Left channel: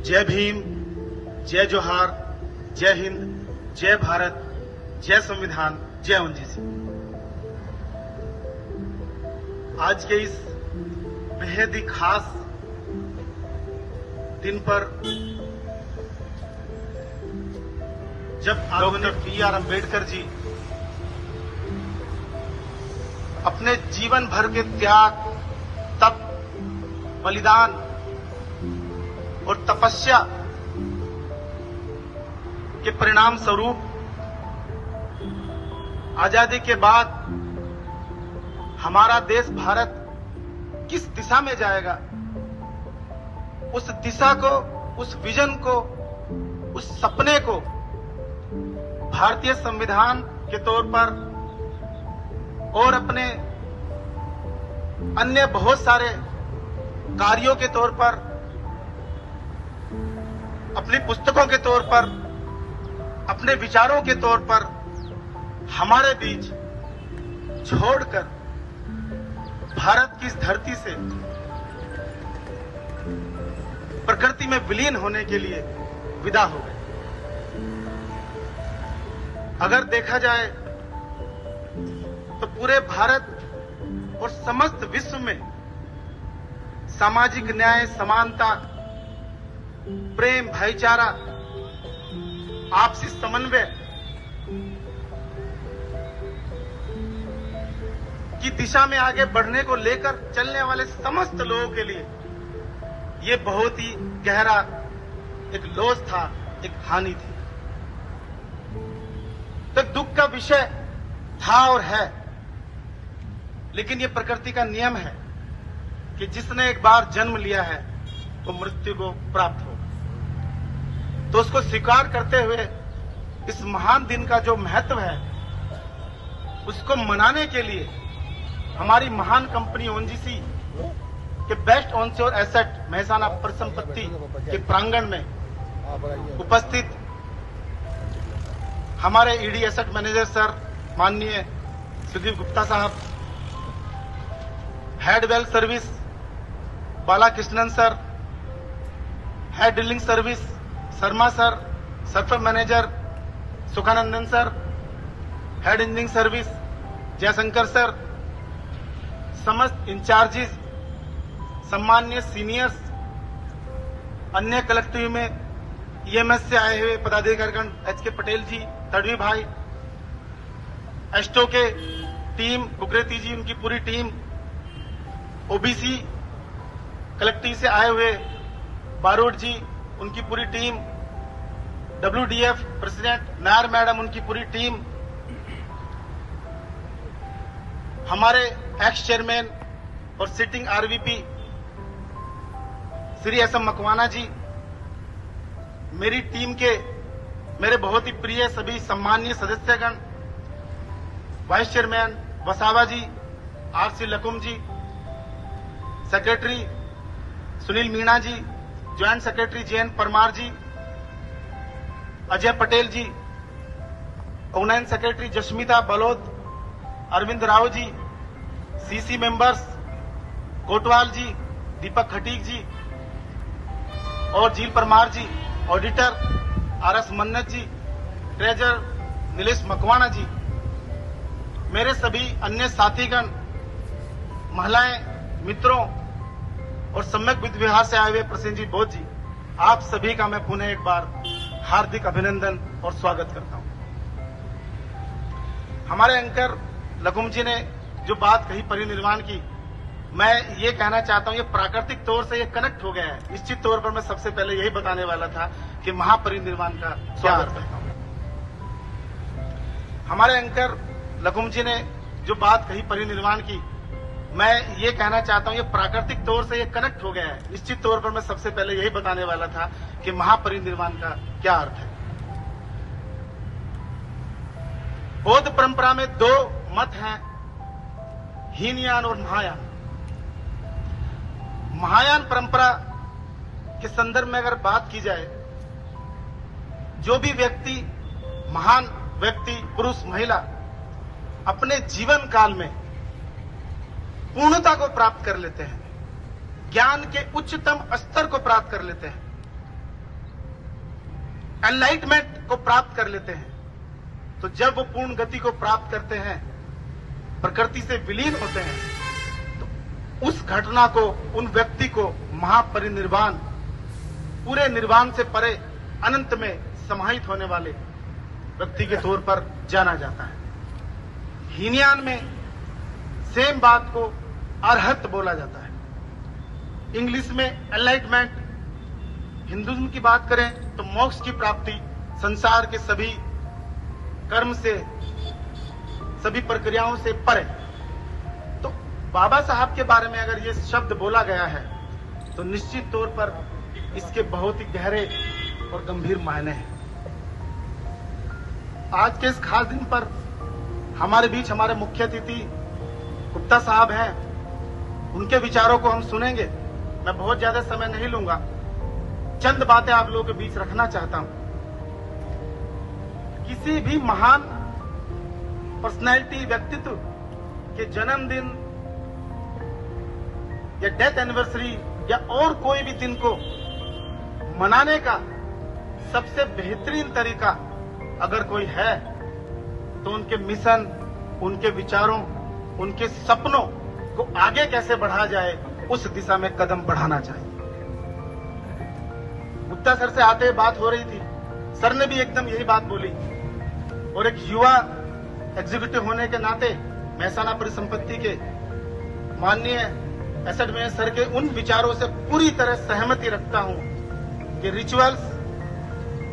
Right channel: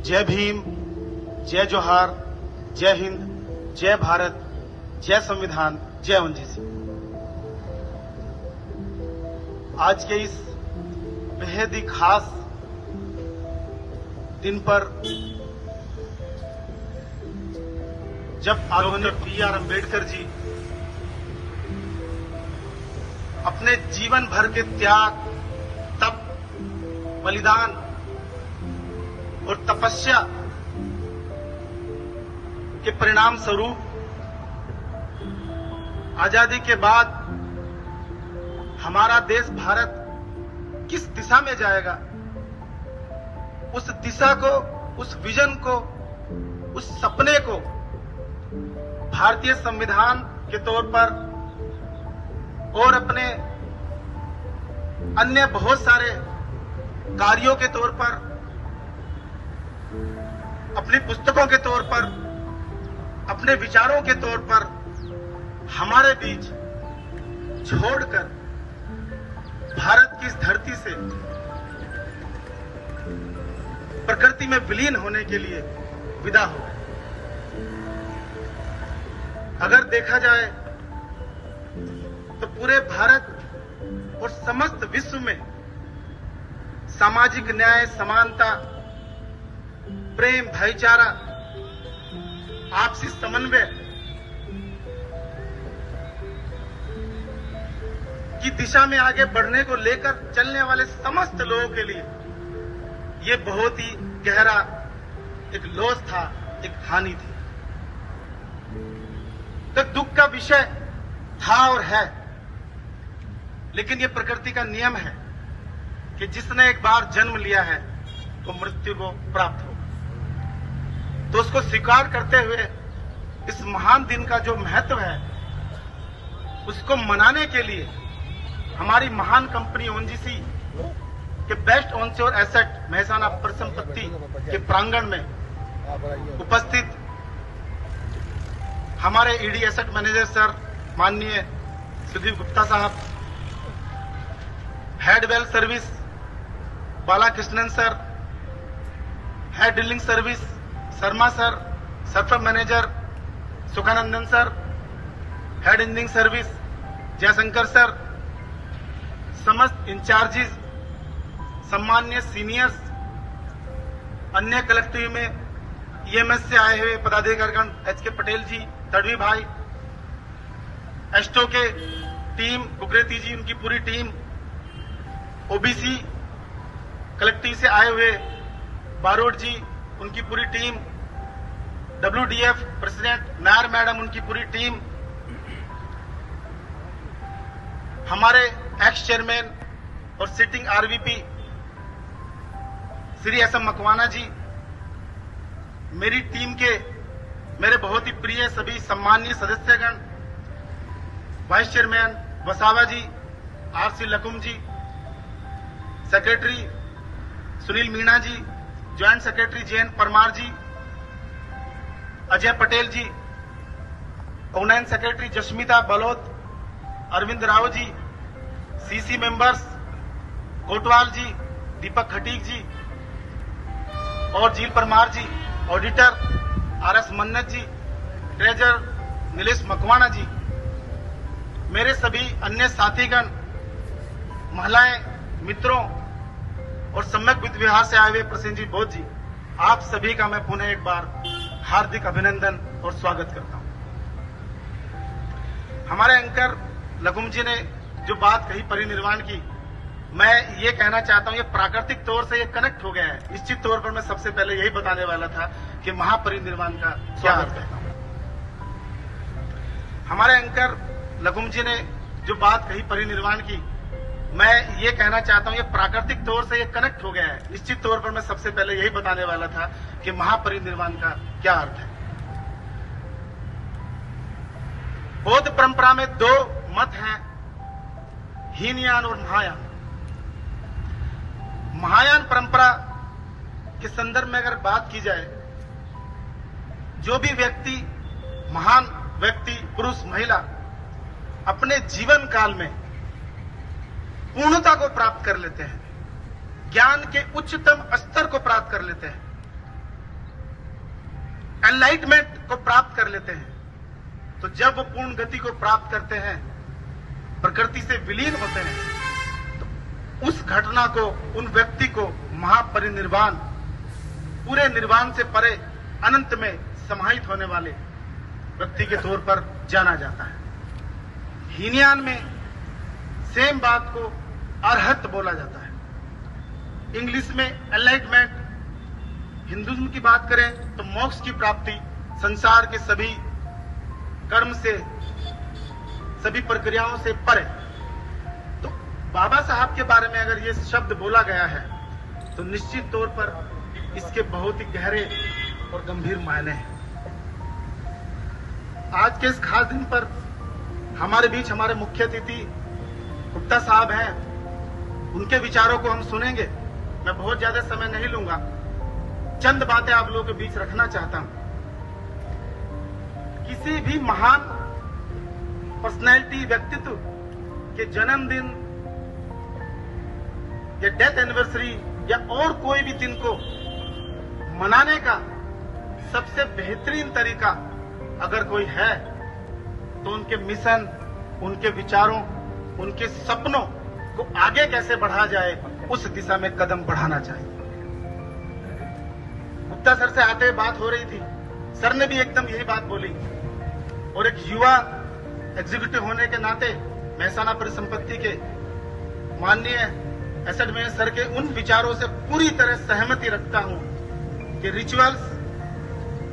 जय भीम, जय जोहार, जय हिंद, जय भारत, जय संविधान, जय ओएनजीसी। आज के इस बेहद ही खास दिन पर जब आदरणीय बी.आर. अम्बेडकर जी अपने जीवन भर के त्याग, तप, बलिदान और तपस्या के परिणाम स्वरूप आजादी के बाद हमारा देश भारत किस दिशा में जाएगा, उस दिशा को, उस विजन को, उस सपने को भारतीय संविधान के तौर पर और अपने अन्य बहुत सारे कार्यों के तौर पर, अपनी पुस्तकों के तौर पर, अपने विचारों के तौर पर हमारे बीच छोड़कर भारत की इस धरती से प्रकृति में विलीन होने के लिए विदा हो गए। अगर देखा जाए तो पूरे भारत और समस्त विश्व में सामाजिक न्याय, समानता, प्रेम, भाईचारा, आपसी समन्वय की दिशा में आगे बढ़ने को लेकर चलने वाले समस्त लोगों के लिए ये बहुत ही गहरा एक लॉस था, एक हानि थी। तो दुख का विषय था और है, लेकिन ये प्रकृति का नियम है कि जिसने एक बार जन्म लिया है वो मृत्यु को प्राप्त हो। तो उसको स्वीकार करते हुए इस महान दिन का जो महत्व है उसको मनाने के लिए हमारी महान कंपनी ओएनजीसी के बेस्ट ऑनशोर एसेट मेहसाना परिसंपत्ति के प्रांगण में उपस्थित हमारे ईडी एसेट मैनेजर सर माननीय सुदीप गुप्ता साहब, head wealth service Balakrishnan sir, head dealing service Sharma sir, सर्फ manager Sukhanandan sir, head engineering service Jayashankar sir, समस्त इंचार्जेस, सम्मान्य सीनियर्स, अन्य कलेक्टिव में ईएमएस से आए हुए पदाधिकारीगण, एच.के. पटेल जी, तड़वी भाई, एस्टो के टीम, कुकरेती जी, उनकी पूरी टीम, ओबीसी कलेक्टिव से आए हुए बारोट जी, उनकी पूरी टीम, डब्ल्यूडीएफ प्रेसिडेंट नायर मैडम, उनकी पूरी टीम, हमारे एक्स चेयरमैन और सिटिंग आरवीपी श्री एस.एम. मकवाना जी, मेरी टीम के मेरे बहुत ही प्रिय सभी सम्मानीय सदस्यगण, वाइस चेयरमैन वसावा जी, आर.सी. लकुम जी, सेक्रेटरी सुनील मीणा जी, ज्वाइंट सेक्रेटरी जे.एन. परमार जी, अजय पटेल जी, online secretary Jasmita बलोत, Arvind Rao ji, CC members Kotwal जी, दीपक खटीक जी और जील परमार जी, ऑडिटर आर.एस. मन्नत जी, ट्रेजर नीलेश मकवाना जी, मेरे सभी अन्य साथीगण, महिलाएं, मित्रों और सम्यक वित्त विभाग से आए हुए प्रसेनजीत बोध जी, आप सभी का मैं पुनः एक बार हार्दिक अभिनंदन और स्वागत करता हूं। हमारे एंकर लकुम जी ने जो बात कही परिनिर्वाण की, मैं ये कहना चाहता हूं, ये प्राकृतिक तौर से ये कनेक्ट हो गया है। निश्चित तौर पर मैं सबसे पहले यही बताने वाला था कि महापरिनिर्वाण का क्या अर्थ है। हमारे एंकर लकुम जी ने जो बात कही परिनिर्वाण की, मैं ये कहना चाहता हूं, ये प्राकृतिक तौर से ये कनेक्ट हो गया है। निश्चित तौर पर मैं सबसे पहले यही बताने वाला था कि महापरिनिर्वाण का क्या अर्थ है। बौद्ध परंपरा में दो मत हैं, हीनयान और महायान। महायान परंपरा के संदर्भ में अगर बात की जाए, जो भी व्यक्ति, महान व्यक्ति, पुरुष, महिला अपने जीवन काल में पूर्णता को प्राप्त कर लेते हैं, ज्ञान के उच्चतम स्तर को प्राप्त कर लेते हैं, एनलाइटमेंट को प्राप्त कर लेते हैं, तो जब वो पूर्ण गति को प्राप्त करते हैं, प्रकृति से विलीन होते हैं, तो उस घटना को, उन व्यक्ति को महापरिनिर्वाण, पूरे निर्वाण से परे अनंत में समाहित होने वाले व्यक्ति के तौर पर जाना जाता है। हीनयान में सेम बात को अरहत बोला जाता है। इंग्लिश में एनलाइटमेंट, हिंदुइज्म की बात करें तो मोक्ष की प्राप्ति, संसार के सभी कर्म से, सभी प्रक्रियाओं से परे। तो बाबा साहब के बारे में अगर ये शब्द बोला गया है तो निश्चित तौर पर इसके बहुत ही गहरे और गंभीर मायने हैं। आज के इस खास दिन पर हमारे बीच हमारे मुख्य अतिथि गुप्ता साहब हैं, उनके विचारों को हम सुनेंगे। मैं बहुत ज्यादा समय नहीं लूंगा, चंद बातें आप लोगों के बीच रखना चाहता हूं। किसी भी महान पर्सनैलिटी, व्यक्तित्व के जन्मदिन या डेथ एनिवर्सरी या और कोई भी दिन को मनाने का सबसे बेहतरीन तरीका अगर कोई है तो उनके मिशन, उनके विचारों, उनके सपनों को आगे कैसे बढ़ाया जाए, उस दिशा में कदम बढ़ाना चाहिए। गुप्ता सर से आते बात हो रही थी, सर ने भी एकदम यही बात बोली, और एक युवा एग्जीक्यूटिव होने के नाते महसाना परिसंपत्ति के माननीय एसेट मैनेजर सर के उन विचारों से पूरी तरह सहमति रखता हूं कि रिचुअल्स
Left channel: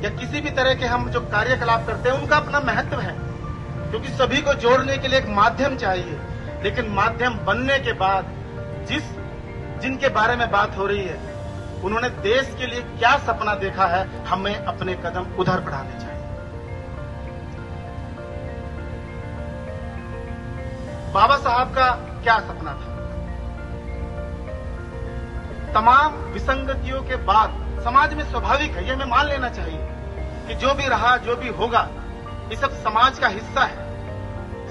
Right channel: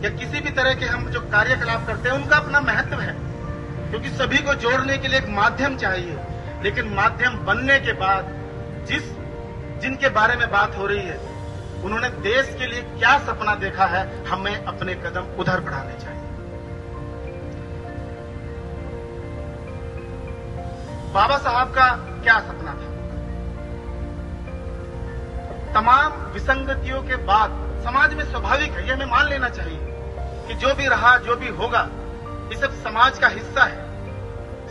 या किसी भी तरह के हम जो कार्यकलाप करते हैं उनका अपना महत्व है, क्योंकि सभी को जोड़ने के लिए एक माध्यम चाहिए। लेकिन माध्यम बनने के बाद जिनके बारे में बात हो रही है, उन्होंने देश के लिए क्या सपना देखा है, हमें अपने कदम उधर बढ़ाने चाहिए। बाबा साहब का क्या सपना था? तमाम विसंगतियों के बाद समाज में स्वाभाविक है, ये हमें मान लेना चाहिए कि जो भी रहा, जो भी होगा, ये सब समाज का हिस्सा है।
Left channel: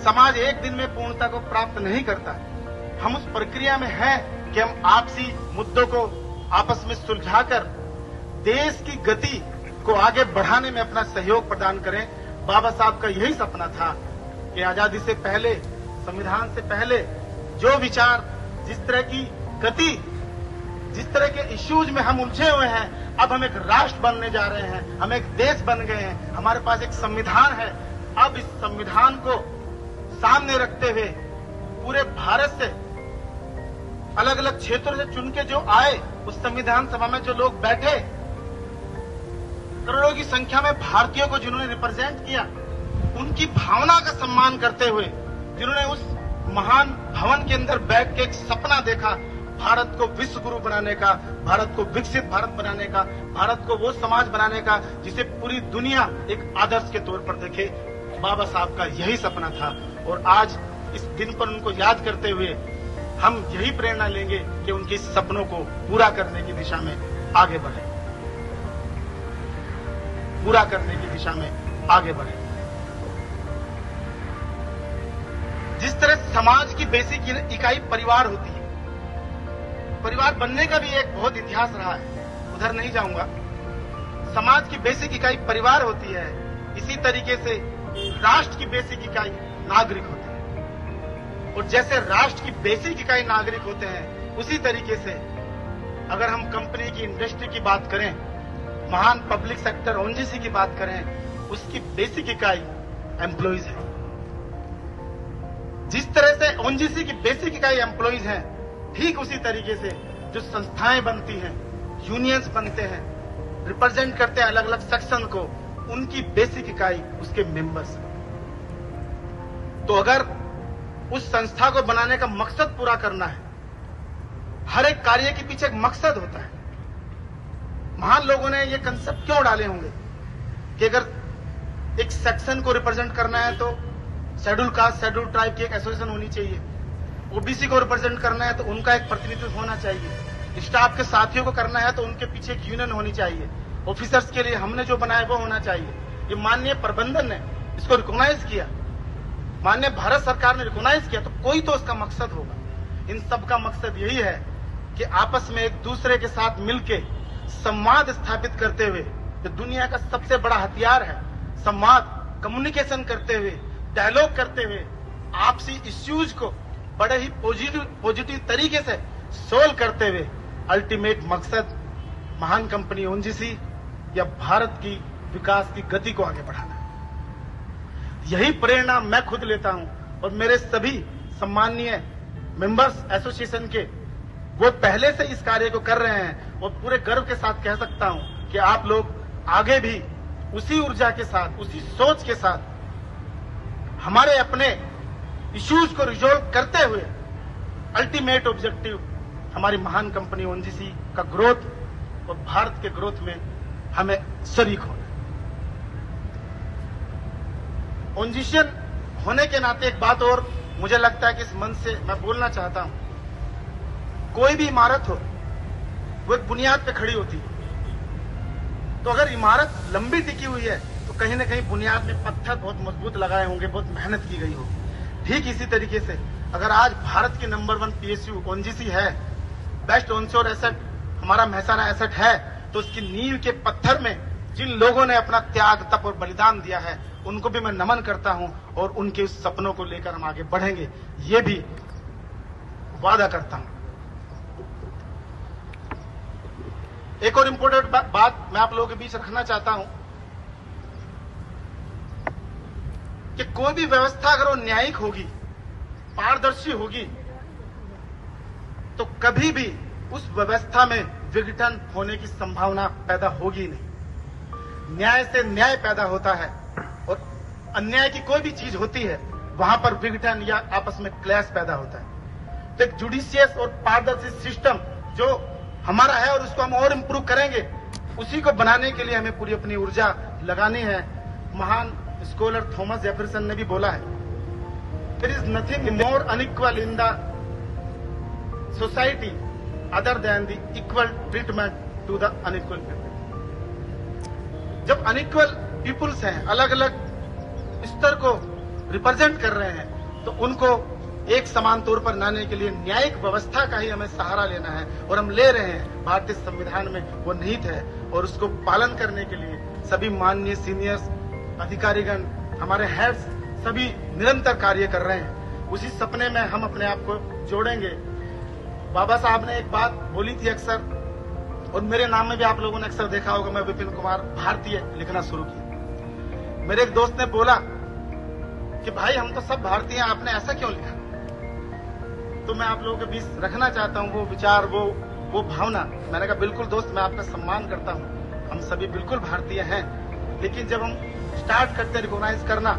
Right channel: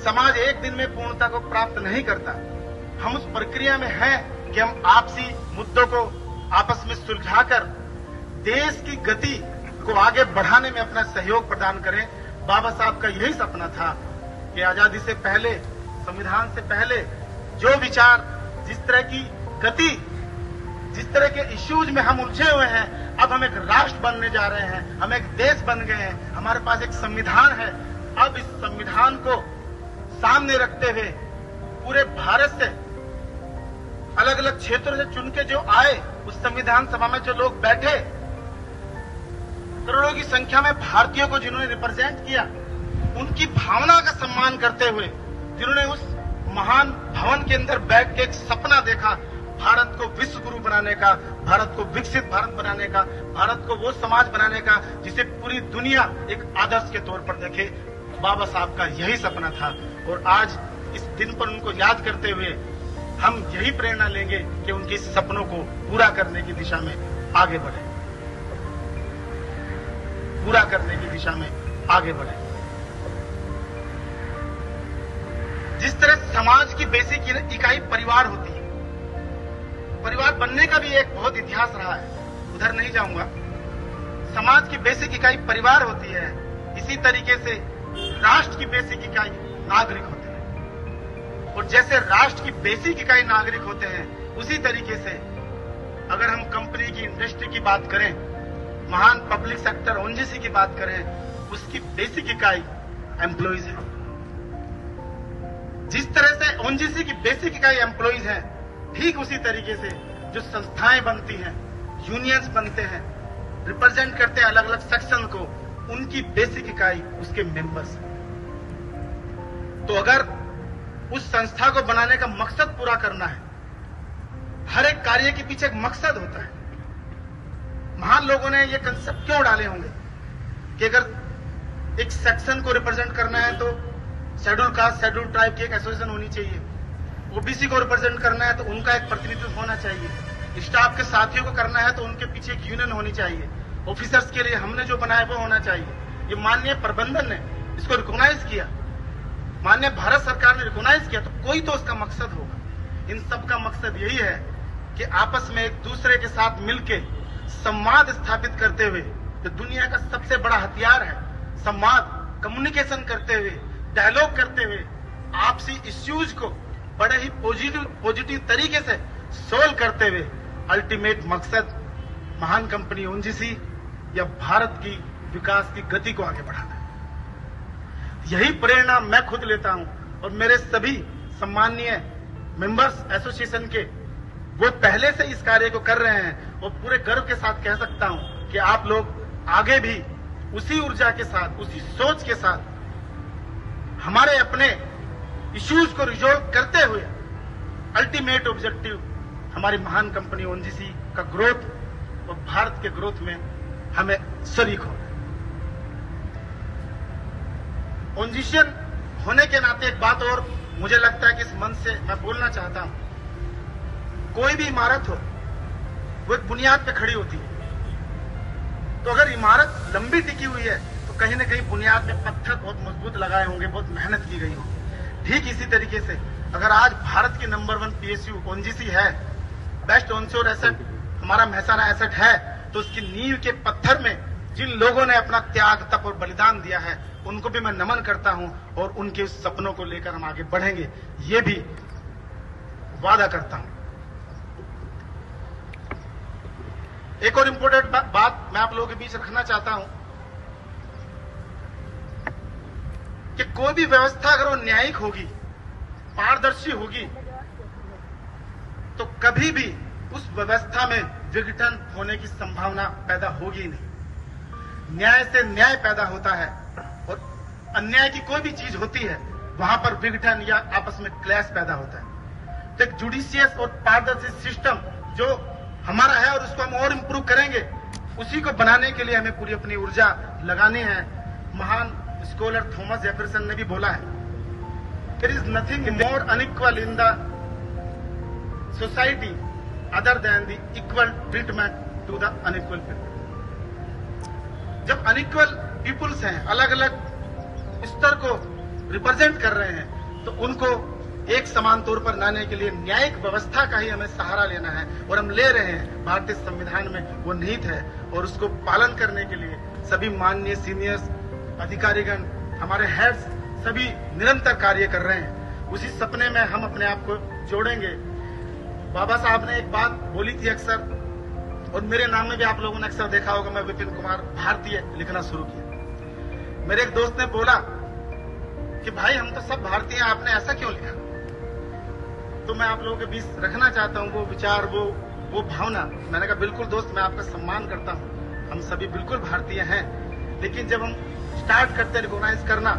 समाज एक दिन में पूर्णता को प्राप्त नहीं करता। हम उस प्रक्रिया में हैं कि हम आपसी मुद्दों को आपस में सुलझाकर देश की गति को आगे बढ़ाने में अपना सहयोग प्रदान करें। बाबा साहब का यही सपना था कि आजादी से पहले, संविधान से पहले जो विचार, जिस तरह की गति, जिस तरह के इश्यूज में हम उलझे हुए हैं, अब हम एक राष्ट्र बनने जा रहे हैं, हम एक देश बन गए हैं, हमारे पास एक संविधान है। अब इस संविधान को सामने रखते हुए पूरे भारत से अलग अलग क्षेत्रों से चुन के जो आए, उस संविधान सभा में जो लोग बैठे, करोड़ों की संख्या में भारतीयों को जिन्होंने रिप्रेजेंट किया, उनकी भावना का सम्मान करते हुए, जिन्होंने उस महान भवन के अंदर बैठ के एक सपना देखा, भारत को विश्व गुरु बनाने का, भारत को विकसित भारत बनाने का, भारत को वो समाज बनाने का जिसे पूरी दुनिया एक आदर्श के तौर पर देखे। बाबा साहब का यही सपना था, और आज इस दिन पर उनको याद करते हुए हम यही प्रेरणा लेंगे कि उनके इस सपनों को पूरा करने की दिशा में आगे बढ़े, पूरा करने की दिशा में आगे बढ़े। जिस तरह समाज की बेसिक इकाई परिवार होती है, परिवार बनने का भी एक बहुत इतिहास रहा है, उधर नहीं जाऊंगा। समाज की बेसिक इकाई परिवार होती है, इसी तरीके से राष्ट्र की बेसिक इकाई नागरिक होते हैं। और जैसे राष्ट्र की बेसिक इकाई नागरिक होते हैं, उसी तरीके से अगर हम कंपनी की, इंडस्ट्री की बात करें, महान पब्लिक सेक्टर ओएनजीसी की बात करें, उसकी बेसिक इकाई एम्प्लॉइज है। जिस तरह से ओएनजीसी की बेसिक इकाई एम्प्लॉइज हैं, ठीक उसी तरीके से जो संस्थाएं बनती हैं, यूनियंस बनते हैं, रिप्रेजेंट करते हैं अलग अलग सेक्शन को, उनकी बेसिक इकाई उसके मेंबर्स हैं। तो अगर उस संस्था को बनाने का मकसद पूरा करना है, हर एक कार्य के पीछे एक मकसद होता है। महान लोगों ने ये कंसेप्ट क्यों डाले होंगे कि अगर एक सेक्शन को रिप्रेजेंट करना है तो शेड्यूल कास्ट, शेड्यूल ट्राइब की एक एसोसिएशन होनी चाहिए, ओबीसी को रिप्रेजेंट करना है तो उनका एक प्रतिनिधित्व होना चाहिए, स्टाफ के साथियों को करना है तो उनके पीछे एक यूनियन होनी चाहिए, ऑफिसर्स के लिए हमने जो बनाया वो होना चाहिए। ये माननीय प्रबंधन ने इसको रिकॉग्नाइज किया, माननीय भारत सरकार ने रिकॉग्नाइज किया, तो कोई तो उसका मकसद होगा। इन सब का मकसद यही है कि आपस में एक दूसरे के साथ मिलके संवाद स्थापित करते हुए जो दुनिया का सबसे बड़ा हथियार है, संवाद, कम्युनिकेशन करते हुए, डायलॉग करते हुए, आपसी इश्यूज को बड़े ही पॉजिटिव तरीके से सोल्व करते हुए अल्टीमेट मकसद महान कंपनी ओएनजीसी या भारत की विकास की गति को आगे बढ़ाना है। यही प्रेरणा मैं खुद लेता हूं और मेरे सभी सम्माननीय मेंबर्स एसोसिएशन के, वो पहले से इस कार्य को कर रहे हैं और पूरे गर्व के साथ कह सकता हूं कि आप लोग आगे भी उसी ऊर्जा के साथ, उसी सोच के साथ हमारे अपने इश्यूज को रिजॉल्व करते हुए अल्टीमेट ऑब्जेक्टिव हमारी महान कंपनी ओएनजीसी का ग्रोथ और भारत के ग्रोथ में हमें शरीक हो। ओएनजीशियन होने के नाते एक बात और मुझे लगता है कि इस मंच से मैं बोलना चाहता हूं, कोई भी इमारत हो वो एक बुनियाद पे खड़ी होती है। तो अगर इमारत लंबी टिकी हुई है तो कहीं ना कहीं बुनियाद में पत्थर बहुत मजबूत लगाए होंगे, बहुत मेहनत की गई होगी। ठीक इसी तरीके से अगर आज भारत की नंबर 1 पीएसयू ओएनजीसी है, बेस्ट ऑनशोर एसेट हमारा महसाना एसेट है, तो उसकी नींव के पत्थर में जिन लोगों ने अपना त्याग, तप और बलिदान दिया है उनको भी मैं नमन करता हूं और उनके उस सपनों को लेकर हम आगे बढ़ेंगे, ये भी वादा करता हूं। एक और इम्पोर्टेंट बात मैं आप लोगों के बीच रखना चाहता हूं कि कोई भी व्यवस्था अगर वो न्यायिक होगी, पारदर्शी होगी, तो कभी भी उस व्यवस्था में विघटन होने की संभावना पैदा होगी नहीं। न्याय से न्याय पैदा होता है और अन्याय की कोई भी चीज होती है वहां पर विघटन या आपस में क्लैश पैदा होता है। तो एक जुडिशियस और पारदर्शी सिस्टम जो हमारा है और उसको हम और इम्प्रूव करेंगे, उसी को बनाने के लिए हमें पूरी अपनी ऊर्जा लगानी है। महान स्कॉलर थॉमस जेफरसन ने भी बोला है, there is nothing more unequal in the society other than the equal treatment to the unequal people. जब अनइक्वल पीपुल्स हैं, अलग अलग स्तर को रिप्रेजेंट कर रहे हैं, तो उनको एक समान तौर पर लाने के लिए न्यायिक व्यवस्था का ही हमें सहारा लेना है और हम ले रहे हैं। भारतीय संविधान में वो निहित है और उसको पालन करने के लिए सभी माननीय सीनियर्स, अधिकारीगण, हमारे हेड्स सभी निरंतर कार्य कर रहे हैं। उसी सपने में हम अपने आप को जोड़ेंगे। बाबा साहब ने एक बात बोली थी अक्सर, और मेरे नाम में भी आप लोगों ने अक्सर देखा होगा, मैं विपिन कुमार भारतीय लिखना शुरू किया। मेरे एक दोस्त ने बोला कि भाई हम तो सब भारतीय हैं, आपने ऐसा क्यों लिखा? तो मैं आप लोगों के बीच रखना चाहता हूं वो विचार, वो भावना। मैंने कहा बिल्कुल दोस्त, मैं आपका सम्मान करता हूं, हम सभी बिल्कुल भारतीय हैं, लेकिन जब हम स्टार्ट करते रिकॉग्नाइज करना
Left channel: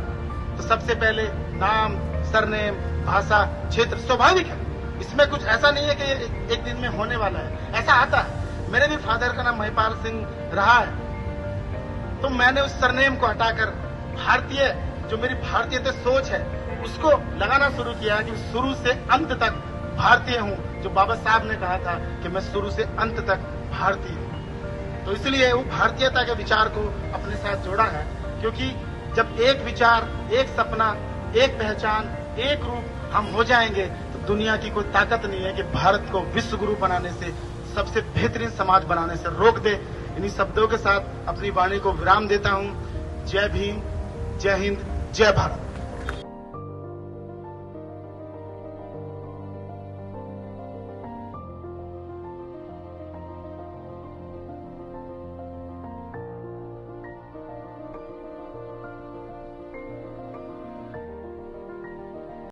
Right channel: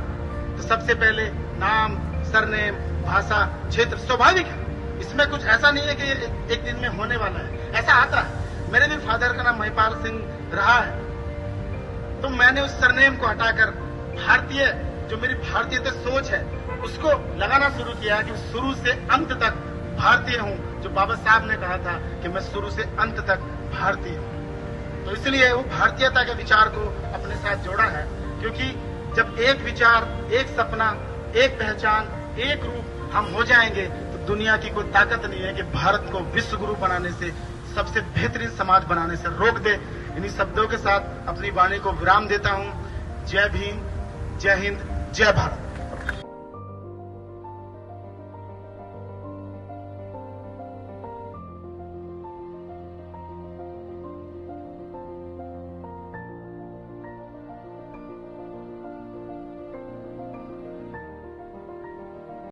तो सबसे पहले नाम, सरनेम, भाषा, क्षेत्र स्वाभाविक है। इसमें कुछ ऐसा नहीं है कि एक दिन में होने वाला है, ऐसा आता है। मेरे भी फादर का नाम महिपाल सिंह रहा है, तो मैंने उस सरनेम को हटाकर भारतीय, जो मेरी भारतीय सोच है, उसको लगाना शुरू किया कि शुरू से अंत तक भारतीय हूं। जो बाबा साहब ने कहा था कि मैं शुरू से अंत तक भारतीय हूं, तो इसलिए वो भारतीयता के विचार को अपने साथ जोड़ा है। क्योंकि जब एक विचार, एक सपना, एक पहचान, एक रूप हम हो जाएंगे, तो दुनिया की कोई ताकत नहीं है कि भारत को विश्व गुरु बनाने से, सबसे बेहतरीन समाज बनाने से रोक दे। इन्हीं शब्दों के साथ अपनी वाणी को विराम देता हूं। जय भीम, जय हिंद, जय भारत।